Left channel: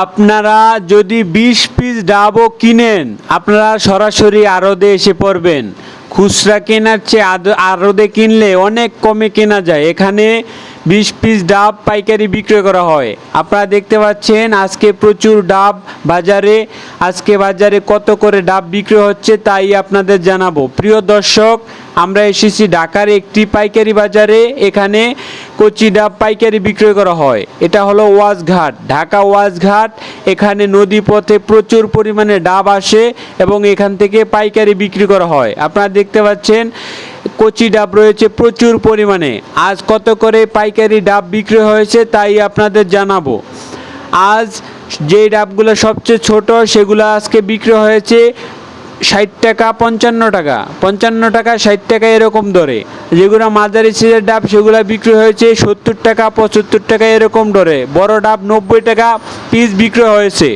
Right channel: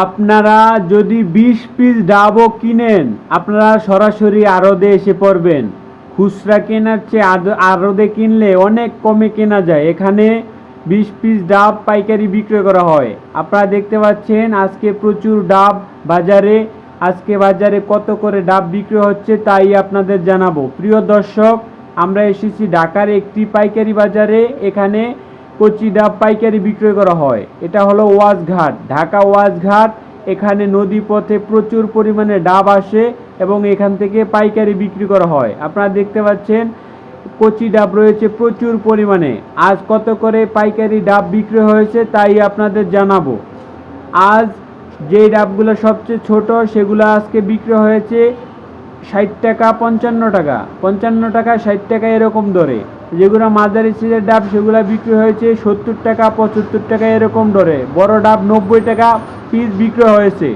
আপনারা যদি বিশ পিস ডাবও কিনেন, আপনারা সরাসরি আড়দে এসে পড়বেন। খুচরা কেনার চেয়ে আড়দে কিনলে অনেক কমে কেনা যায়। এখানে বিশ পিস ডাব পাইকারি বিক্রয় করা হয়। আপনারা দেখতে পাচ্ছেন, আজকে প্রচুর ডাব বাজারে, আজকে বাজারে কত করে ডাব বিক্রি হচ্ছে তাই আপনাদের জানাব। প্রিয় দর্শক, আমরা এসেছি ঢাকার একটি পাইকারি বাজারে, এখানে কচি ডাব পাইকারি বিক্রয় করা হয়। এটা হলো ওয়াজঘাট ঢাকা ওয়াজঘাট এখানে নদী পথে প্রচুর পরিমাণে ডাব আসে এবং এখান থেকে পাইকারি বিক্রি করা হয়। আপনারা দেখতে পাচ্ছেন কচি ডাব রয়েছে প্রচুর পরিমাণে। আজ কত করে পাইকারি ডাব বিক্রি হয়েছে তাই আপনাদের জানাব। আজ যে ডাবগুলো সবচেয়ে ছোট সেগুলো আজকে বিক্রি হয়েছে ষাট টাকা, পঞ্চান্ন টাকা। পঞ্চান্ন টাকা, ষাট টাকা এরকম দরে। যেগুলো মাঝারি সিজের ডাব সেগুলো বিক্রি হয়েছে সত্তর টাকা, পঁচাত্তর টাকা এরকম দরে। বড় ডাব নব্বই টাকা পিস বিক্রি হয়েছে।